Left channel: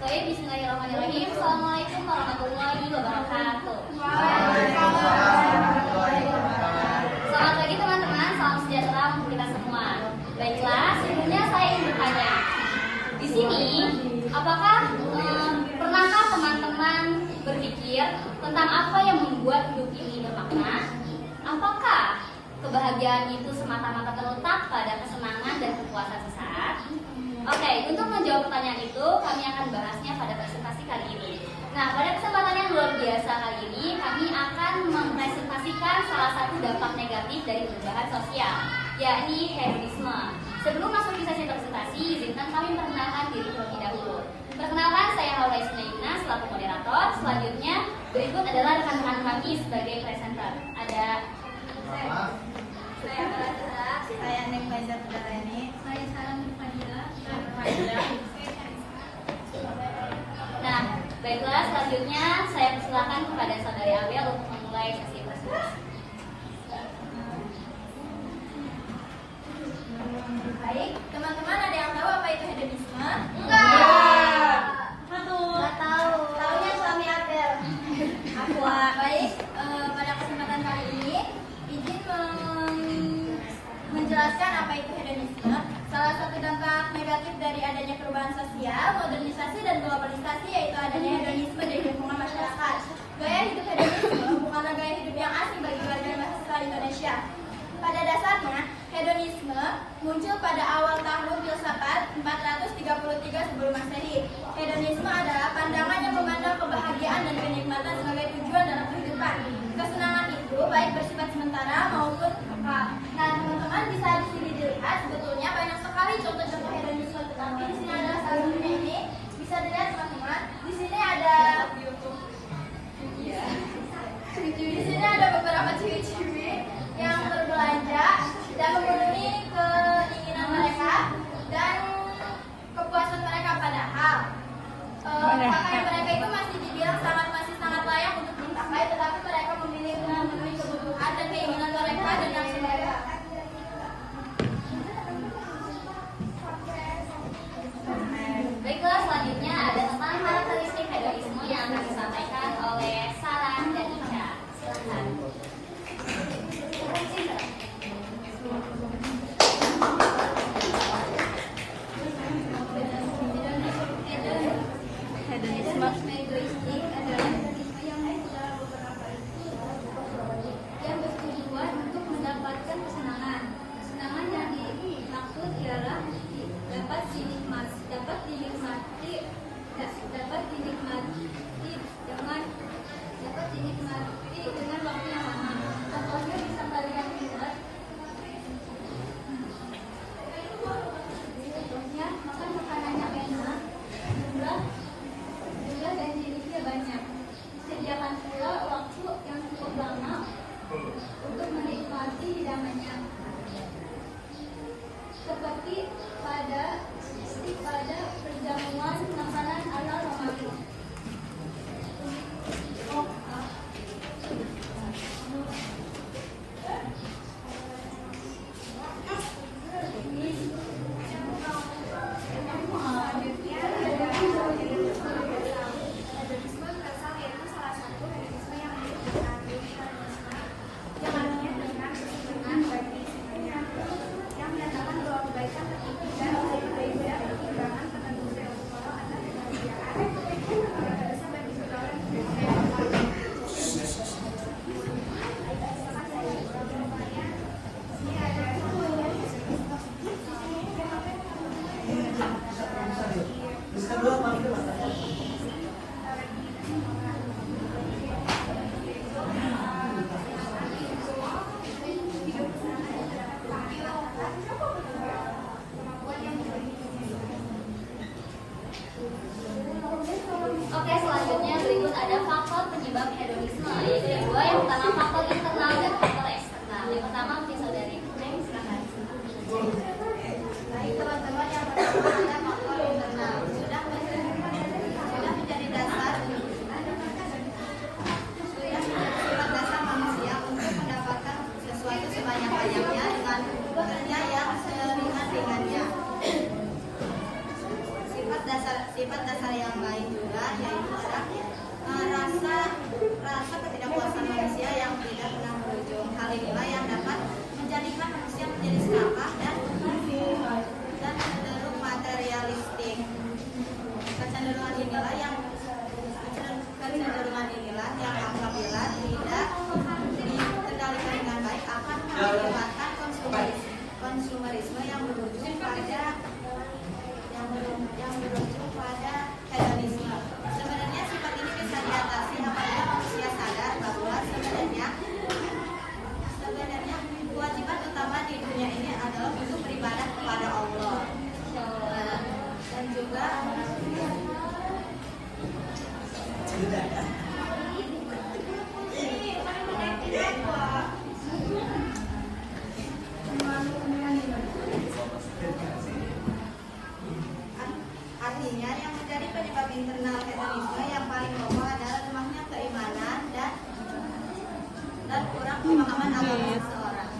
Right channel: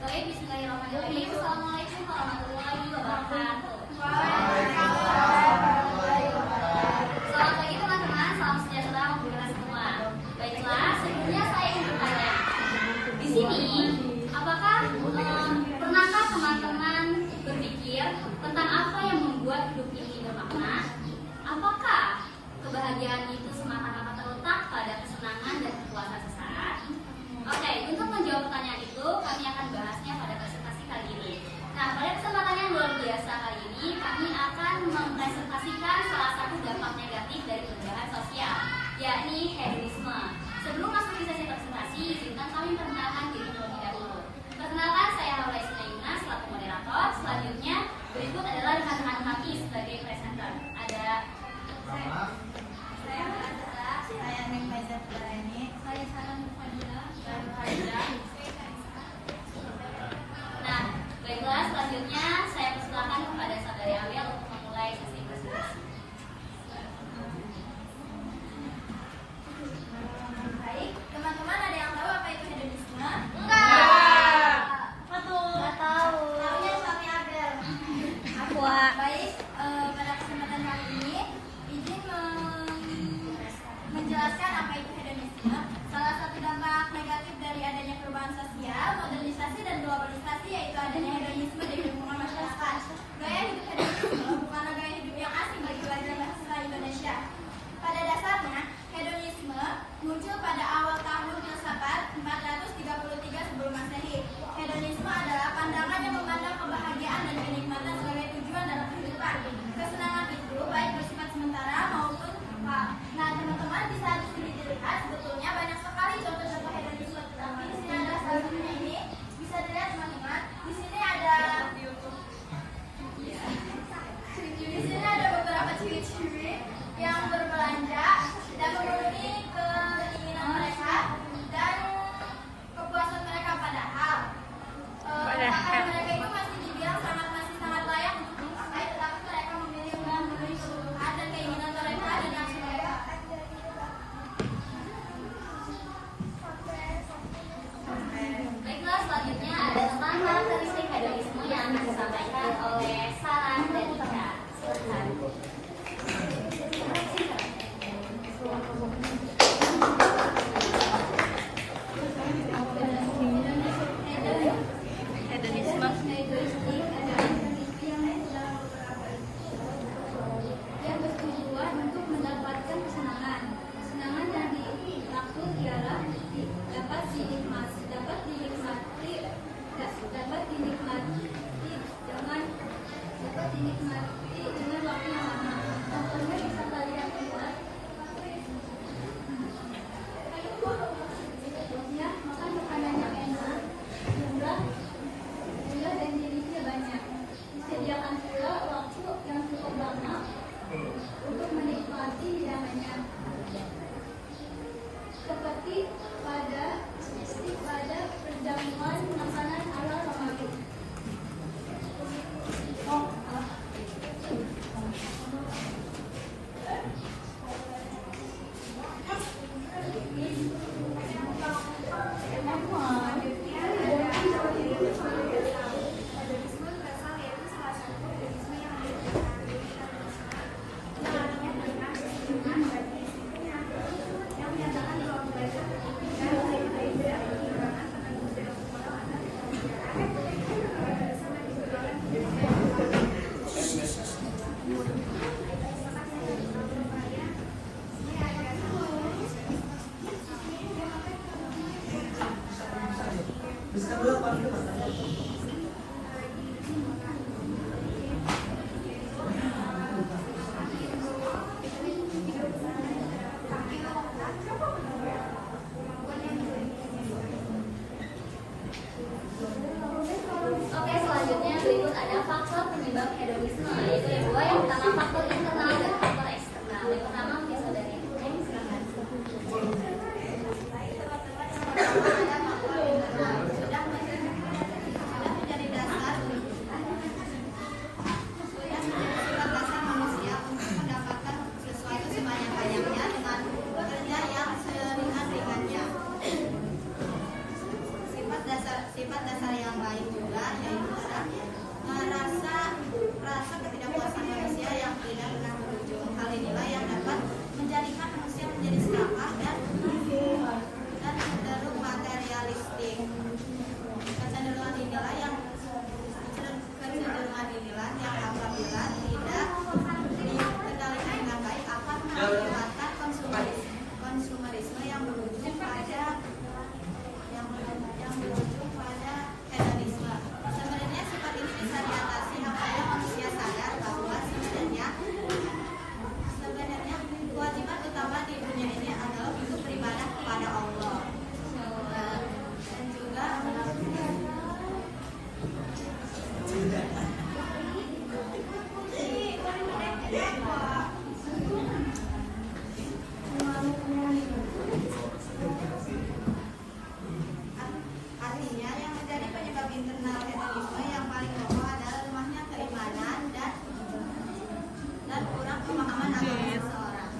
Baik, bismillahirrahmanirrahim. Assalamualaikum warahmatullahi wabarakatuh. Selamat pagi teman-teman, salam sejahtera untuk kita semua. Baiklah, sebelumnya saya ingin bertanya. Di sini, apakah pernahkah teman-teman berpikir tentang apa yang membuat hidup ini bermakna? Apakah kebahagiaan itu semata-mata terletak pada kesenangan dan kepuasan sesaat? Oke, untuk menjawab pertanyaan itu, kami akan bahasnya pada presentasi kali ini. Nah, pada kesempatan yang luar biasa kali ini, kami akan mempresentasikan salah satu dampak negatif dari perubahan sosial, yakni hedonisme. Sebelum masuk ke sesi presentasi, izinkan kami memperkenalkan diri terlebih dahulu. Perkenalkan, saya Haura Ismailina selaku moderator. Selanjutnya, berikut adalah rekan-rekan kami sebagai presenter. Ada saya Bella, saya Nek Faizat ini, saya Sarah Nurfania, Nah, baiklah, selanjutnya saya persilakan kepada saudari Awel untuk memulai sesi presentasi. Baik, teman-teman ada yang tahu apa itu hedonisme? Nggak tahu. Tahunya suami Abel. Baik, pada kesempatan kali ini izin menjelaskan apa itu hedonisme. Salah satu dampak negatif dari adanya perubahan sosial, modernisasi dan globalisasi yaitu adanya hedonisme di lingkungan masyarakat. Gaya hidup hedonisme bukanlah gaya hidup yang asing bagi warga mahasiswa Indonesia. Pada dasarnya, hedonisme muncul pada awal tahun filsafat 433 sebelum Masehi. Hedonisme adalah pandangan yang memandang kebahagiaan dan kenikmatan sebagai tujuan dalam kehidupan. Kesenangan itu baik bersifat sementara maupun kekal. Nah, teman-teman bisa di sini dilihat sebetulnya banyak sekali contoh-contoh hedonisme, tetapi di sini ada salah satunya ini. Bisa dilihat teman-teman. Di sini ada beberapa ciri-ciri yang berbelanja dan memenuhi keinginan mereka dan kepuasan mereka, padahal pakaian mereka itu masih dibilang masih sangat layak untuk dipakai, tetapi mereka memilih dengan memenuhi kebutuhan dan keinginan mereka dan yang selera. Baiklah, selanjutnya ada tentang karakteristik hedonisme yang akan disampaikan oleh Sarah dan Ica. Hedonisme egoistik adalah hedonisme yang bertujuan untuk mendapatkan kesenangan. Kesenangan yang dimaksud ialah dapat dinikmati dengan waktu yang lama. Contohnya bisa kalian lihat. Contohnya makan makanan yang enak, murah dan jenisnya banyak. Disediakan pula waktu yang cukup lama untuk menikmati hidangannya. Seperti pada perjamuan makanan ala Ramadan. Oke, selanjutnya berikut ada faktor penyebab hedonisme, yaitu yang dua. Yang pertama faktor internal dan faktor eksternal. Yang pertama mungkin saudari Neng, silakan. Baik teman-teman, yang pertama ada faktor internal. Sudah menjadi dasar sifat dasar manusia untuk mendapatkan sesuatu sebanyak-banyaknya dengan bekerja yang seringan-ringannya. Sifat dasar hal yang lain juga, yaitu ada rasa ketidakpuasan manusia yang tidak pernah berujung. Hal inilah yang dapat menjadikan manusia menjadi serakah dan cenderung materialistik. Kecenderungan inilah yang apabila tidak dikendalikan dengan baik akan mengakibatkan konsumerisme yang berujung pada hedonisme. Sebenarnya sifat ini bisa diatasi apabila manusia sadar bahwa sebenarnya kewajiban utama di dunia ini adalah untuk beribadah kepada Allah. Dan juga artinya yang menjadi penyebab internal hedonisme yang paling pokok adalah lemahnya keimanan dan kurang pemahaman agama seseorang.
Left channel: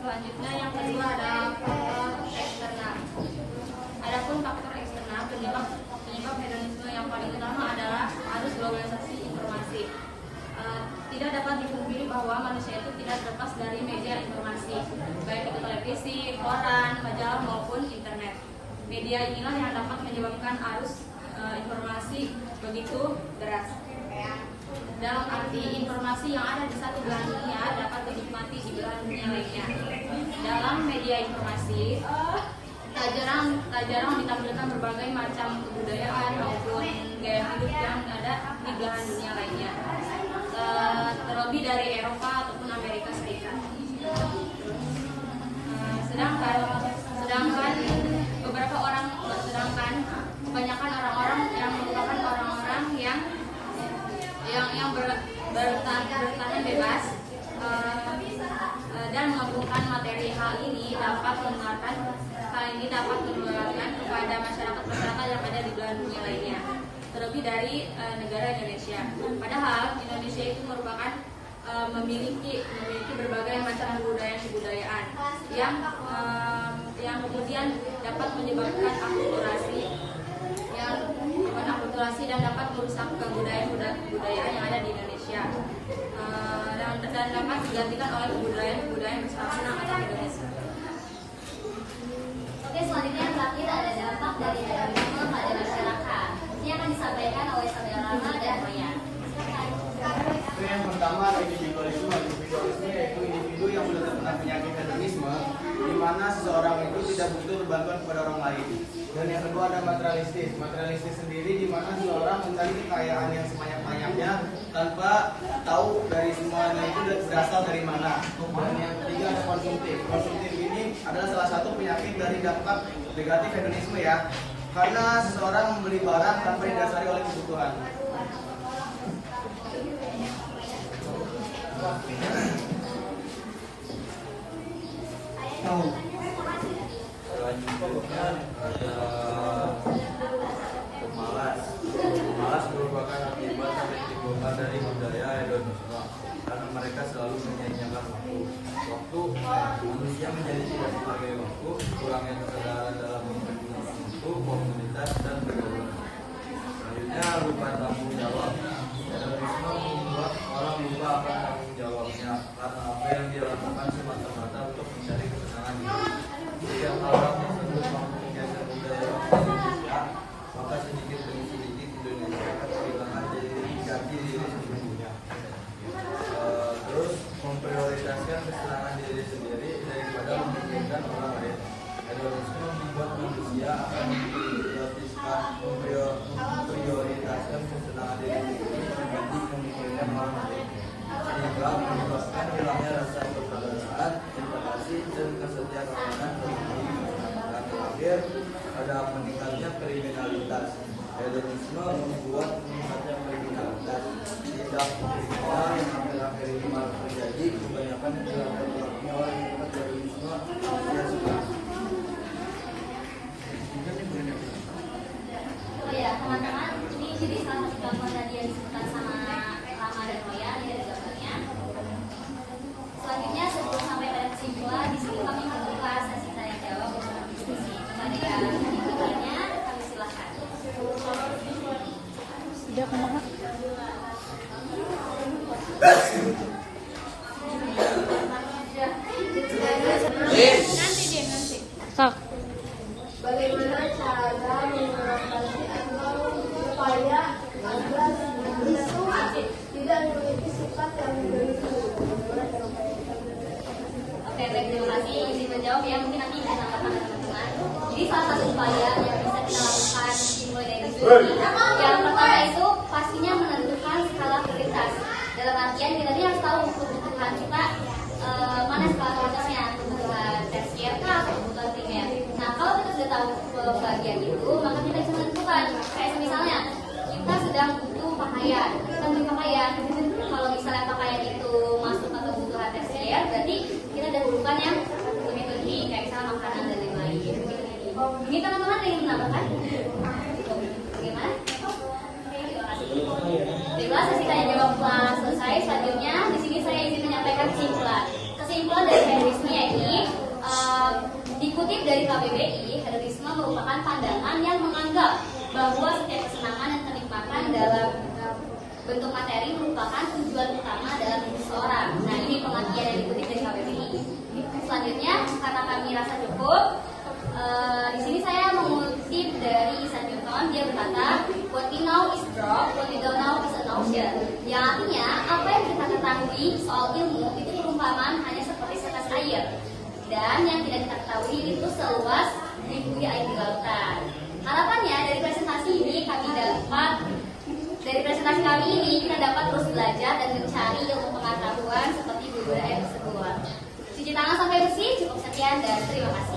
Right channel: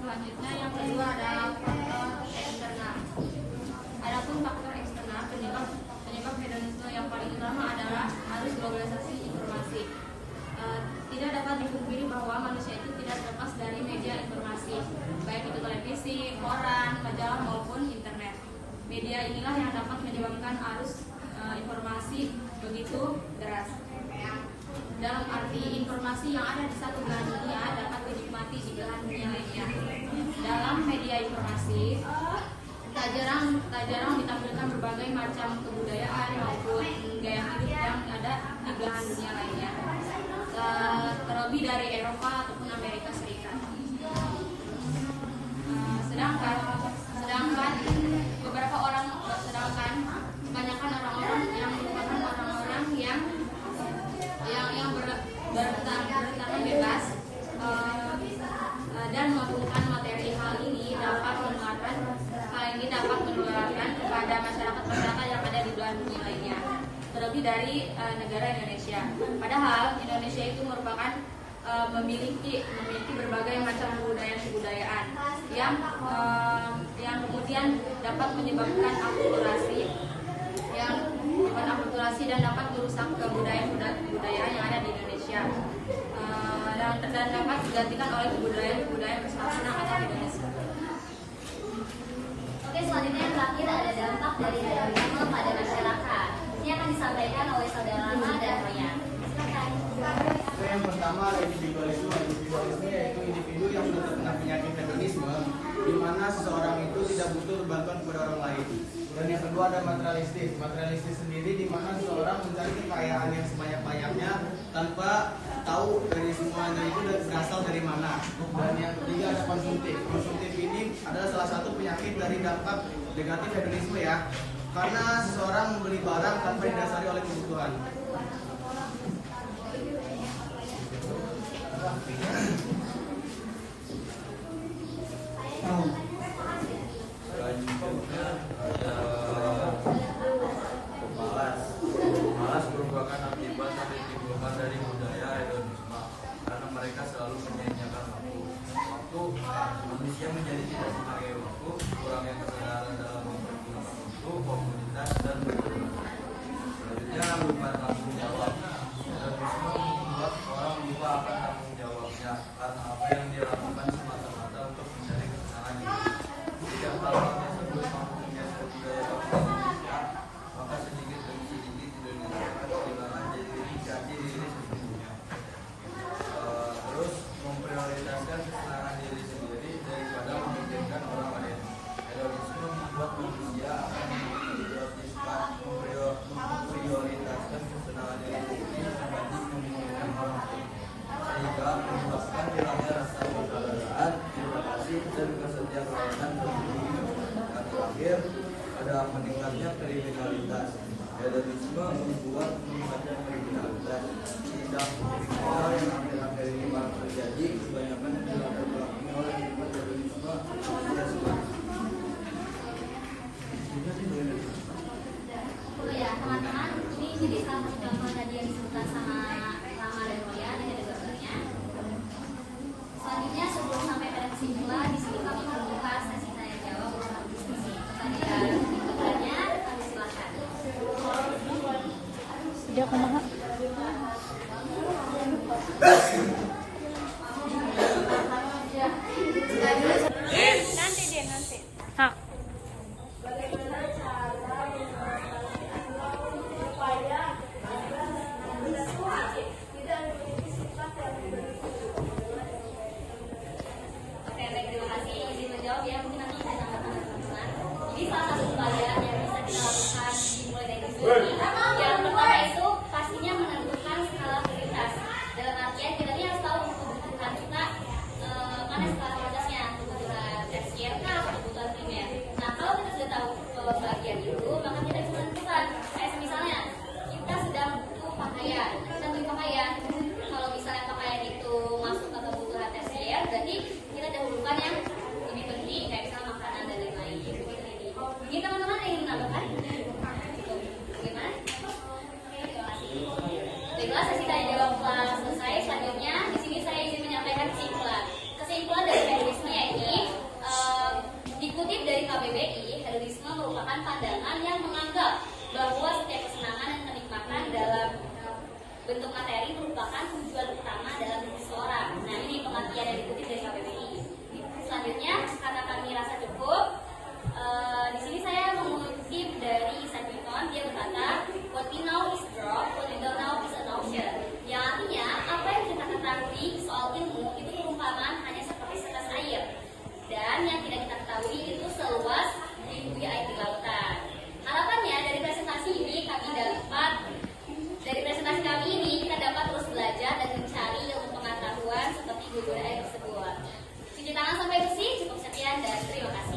Selanjutnya yang kedua ada faktor eksternal. Adapun faktor eksternal penyebab hedonisme yang paling utama adalah arus globalisasi informasi. Tidak dapat dipungkiri bahwa manusia itu tidak terlepas dari media informasi, baik itu televisi, koran, majalah maupun internet. Media inilah yang dapat menyebabkan arus informasi begitu deras. Dalam arti informasi yang ada di satu belahan dunia dapat dinikmati di belahan dunia lainnya. Dalam media informasi tak jarang ditampilkan berbagai macam kebudayaan maupun gaya hidup yang ada di belahan dunia lainnya, terlebih dari Eropa ataupun Amerika Serikat. Sedangkan kebanyakan orang-orang yang merupakan orang-orang yang bertahan bebas dan mengagungkan materi. Hal ini dapat menularkan kepada masyarakat yang ada di belahan dunia lainnya, terlebih dari negara Indonesia. Padahal Indonesia itu merupakan memiliki berbagai macam kebudayaan yang kemudian dapat menyebabkan akulturasi dan dapat merusak kebudayaan yang ada di Indonesia, dan dapat digantikan oleh kebudayaan bersama atau hedonisme. Oke, selanjutnya yang terakhir ada dampak dari hedonisme pada masyarakat. Ini akan disampaikan oleh saudara Rama dan Royan. Itu yang pertama ada individualisme. Individualisme yaitu individu yang sudah terkena penyakit hedonisme, di mana seseorang itu tidak butuh bantuan kepada orang lain. Dan yang kedua ada materialistis. Materialistis sendiri di mana seseorang mencari kekayaan yang sebanyak-banyaknya tanpa tahu dari semuanya itu berasal dari mana. Dan yang ketiga ada konsumtif. Konsumtif ini adalah salah satu penyakit dari dampak negatif hedonisme ya. Karena seseorang membeli barang tanpa didasari oleh kebutuhan. Selanjutnya ada pemalas. Pemalas merupakan akibat yang ditimbulkan dari budaya hedonisme karena mereka selalu menyia-nyiakan waktu. Manusia menjadi tidak menghargai waktu, kurangnya kesadaran dalam mempergunakan waktu, komunitas dan berkeluarga. Selanjutnya lupa tanggung jawab. Hedonisme membuat orang lupa akan tanggung jawabnya karena apa yang dia lakukan semata-mata untuk mencari kesenangan diri. Jika orang tersebut mampu menggeser budaya Indonesia, maka sedikit demi sedikit Indonesia akan kehilangan jati diri sesungguhnya. Terus memprioritaskan kesenangan diri sendiri daripada memikirkan orang lain. Hedonisme membuat manusia akan memprioritaskan kesenangan diri sendiri dibanding memikirkan orang lain, sehingga menyebabkan hilangnya rasa persaudaraan, terima kasih dan kesetiakawanan tersendiri. Dan terakhir ada meningkatnya kriminalitas. Hedonisme membuat meningkatnya kriminalitas. Tindak kriminal yang akhir-akhir ini malah terjadi kebanyakan dilakukan oleh sifat hedonisme yang semakin. Oh ya, teman-teman, ini jadi salah satu contoh tadi yang disebutkan sama Rama dan Royan, ini ada gambarnya. Selanjutnya sebelum sampai pada kesimpulan, di sini kami membuka sesi tanya jawab bersama diskusi kepada Dia kumaha? Nanti dia nanti. Sok. Bagaimana cara mengatasi atau supaya agar isu tidak memiliki sifat yang Oke, baik, terima kasih. Izin menjawab ya, mungkin nanti saya tambahkan teman-teman. Jadi salah satu upaya yang bisa kita lakukan dimulai dari sini, yang pertama itu pastinya menentukan skala prioritas. Dalam artian kita ini harus tahu kebutuhan kita mana skala prioritasnya, kebutuhan tersier kah atau kebutuhan primer. Nah, kalau kita sudah tahu bagian itu, maka kita bisa menentukan. Kayak misalnya kita sedang butuh pakaian, kalau misalnya pakaian itu masuk ke kebutuhan tersier, berarti kita dahulukan yang lebih penting, kayak misalnya makanan dan lain-lain. Ini teman-teman ada yang menambahkan? Bagaimana? Oke, terima kasih. Baiklah, sesi tanya jawab telah selesai. Selanjutnya, di sini saya ingin menyampaikan kesimpulan. Kesimpulan dari hedonisme yakni dikutip dari KBBI, hedonisme merupakan pandangan yang menganggap bahwa setiap kesenangan dan kenikmatan dalam bentuk materi merupakan tujuan utama dalam hidup seseorang. Nah, ini pengertian yang dikutip dari KBBI. Selanjutnya, karena kami rasa cukup, di sini saya mengutip dari Isaac Newton. Dia berkata, "What we know is drop, what we don't know is an ocean." Yang artinya, apa yang kita ketahui soal ilmu itu perumpamaan hanya seperti setes air, dan yang tidak kita ketahui itu seluas ribuan air di lautan. Harapannya dari presentasi kami ini kita dapat terus belajar dan mencari ilmu pengetahuan seperti judul air tersebut. Cuci tangan sampai bersih, cukup sekian dan terima kasih.